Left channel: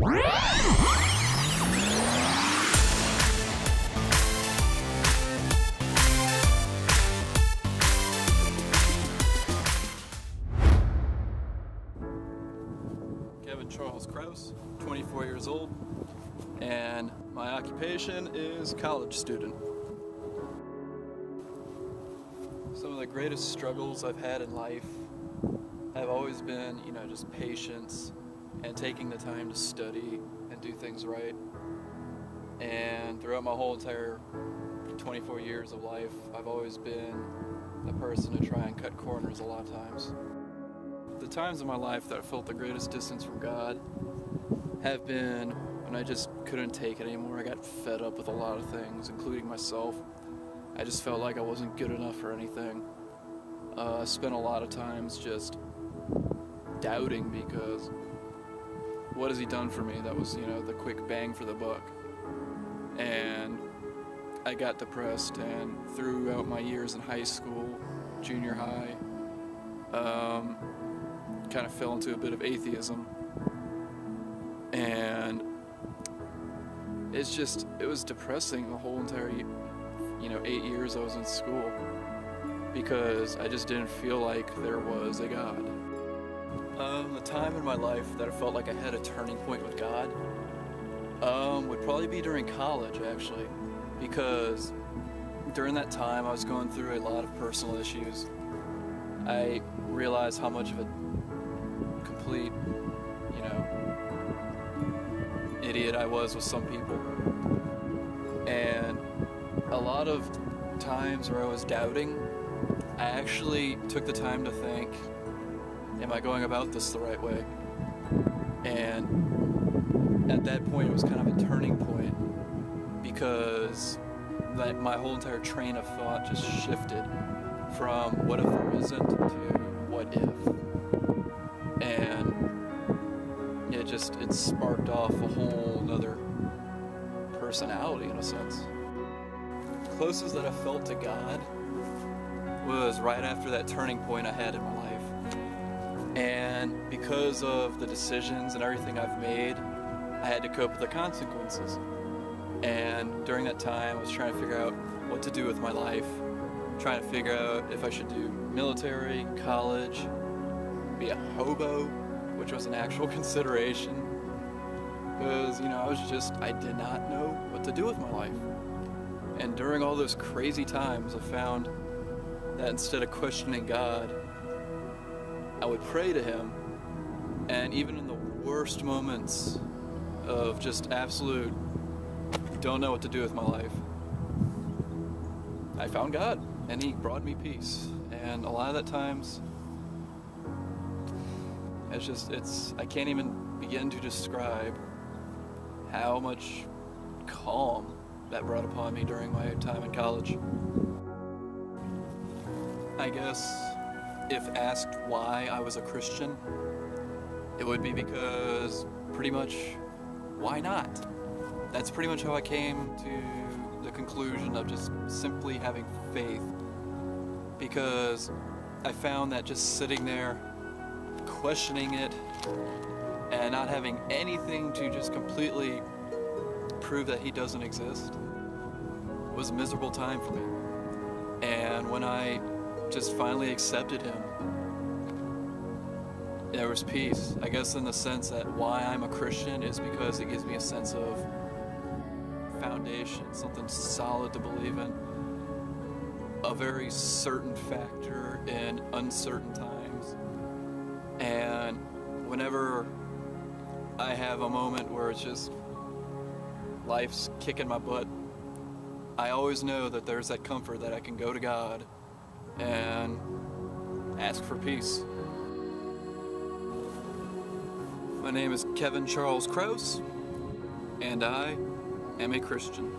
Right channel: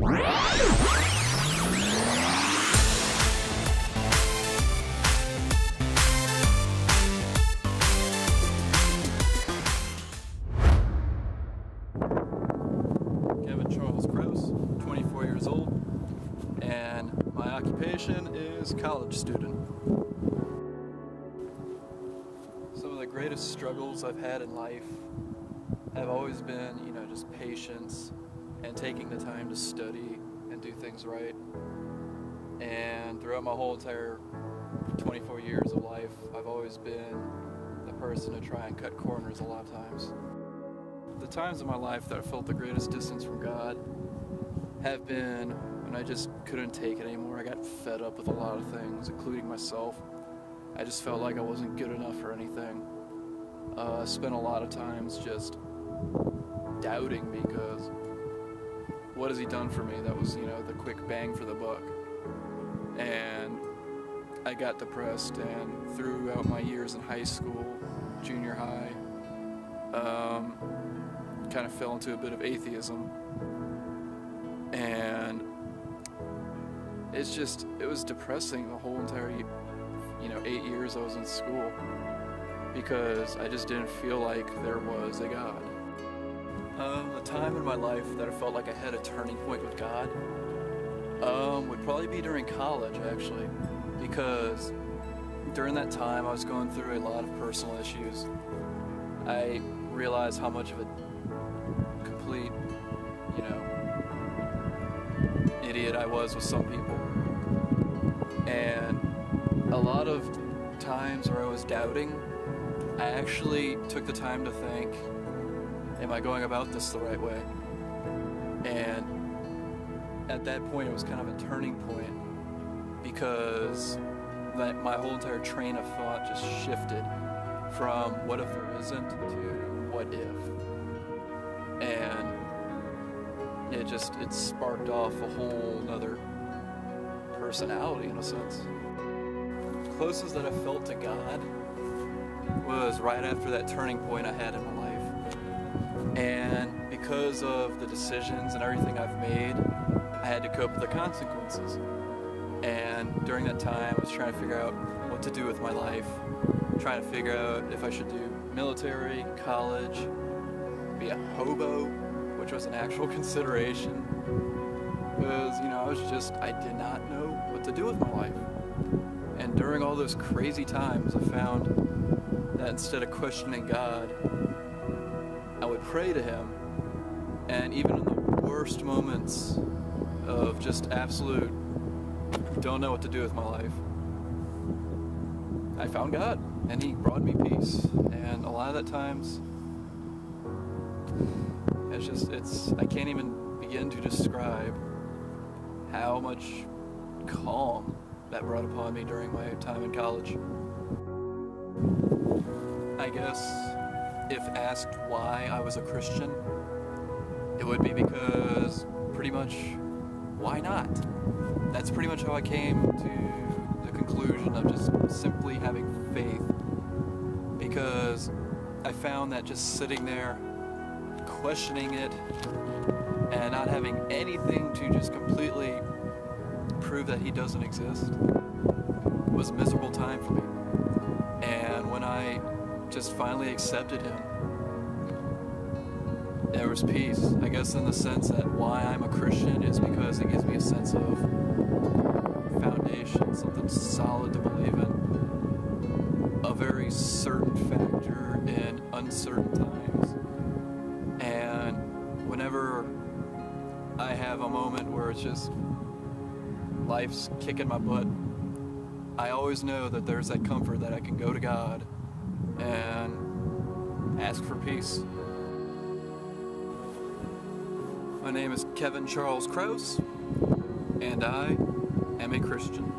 Kraus, 24 years old, and my occupation is college student. Some of the greatest struggles I've had in life have always been, just patience and taking the time to study and do things right. And throughout my whole entire 24 years of life, I've always been the person to try and cut corners a lot of times. The times in my life that I felt the greatest distance from God have been when I just couldn't take it anymore. I got fed up with a lot of things, including myself. I just felt like I wasn't good enough for anything. I spent a lot of times just doubting because what has he done for me? That was, the quick bang for the buck. And I got depressed, and throughout my years in high school, junior high, kind of fell into a bit of atheism. And it was depressing the whole entire, 8 years I was in school, because I just didn't feel like there was a God. The time in my life that I felt like I had a turning point with God would probably be during college, actually, because during that time I was going through a lot of personal issues. I realized how much of a complete, idiot I was with some people. And a lot of times where I was doubting, I actually took the time to think, am I going about this the right way? And at that point it was kind of a turning point, because my whole entire train of thought just shifted from what if there isn't to what if. And it sparked off a whole nother personality, in a sense. The closest that I felt to God was right after that turning point I had in my life. And because of the decisions and everything I've made, I had to cope with the consequences. And during that time I was trying to figure out what to do with my life, trying to figure out if I should do military, college, be a hobo, which was an actual consideration, because, I did not know what to do with my life. And during all those crazy times, I found that instead of questioning God, I would pray to Him, and even in the worst moments of just absolute don't know what to do with my life, I found God, and He brought me peace. And a lot of that times, I can't even begin to describe how much calm that brought upon me during my time in college. I guess if asked why I was a Christian, it would be because pretty much, why not? That's pretty much how I came to the conclusion of just simply having faith, because I found that just sitting there questioning it and not having anything to just completely prove that He doesn't exist was a miserable time for me. And when I just finally accepted Him, there was peace. I guess in the sense that why I'm a Christian is because it gives me a sense of foundation, something solid to believe in, a very certain factor in uncertain times. And whenever I have a moment where it's just life's kicking my butt, I always know that there's that comfort that I can go to God and ask for peace. My name is Kevin Charles Kraus, and I am a Christian.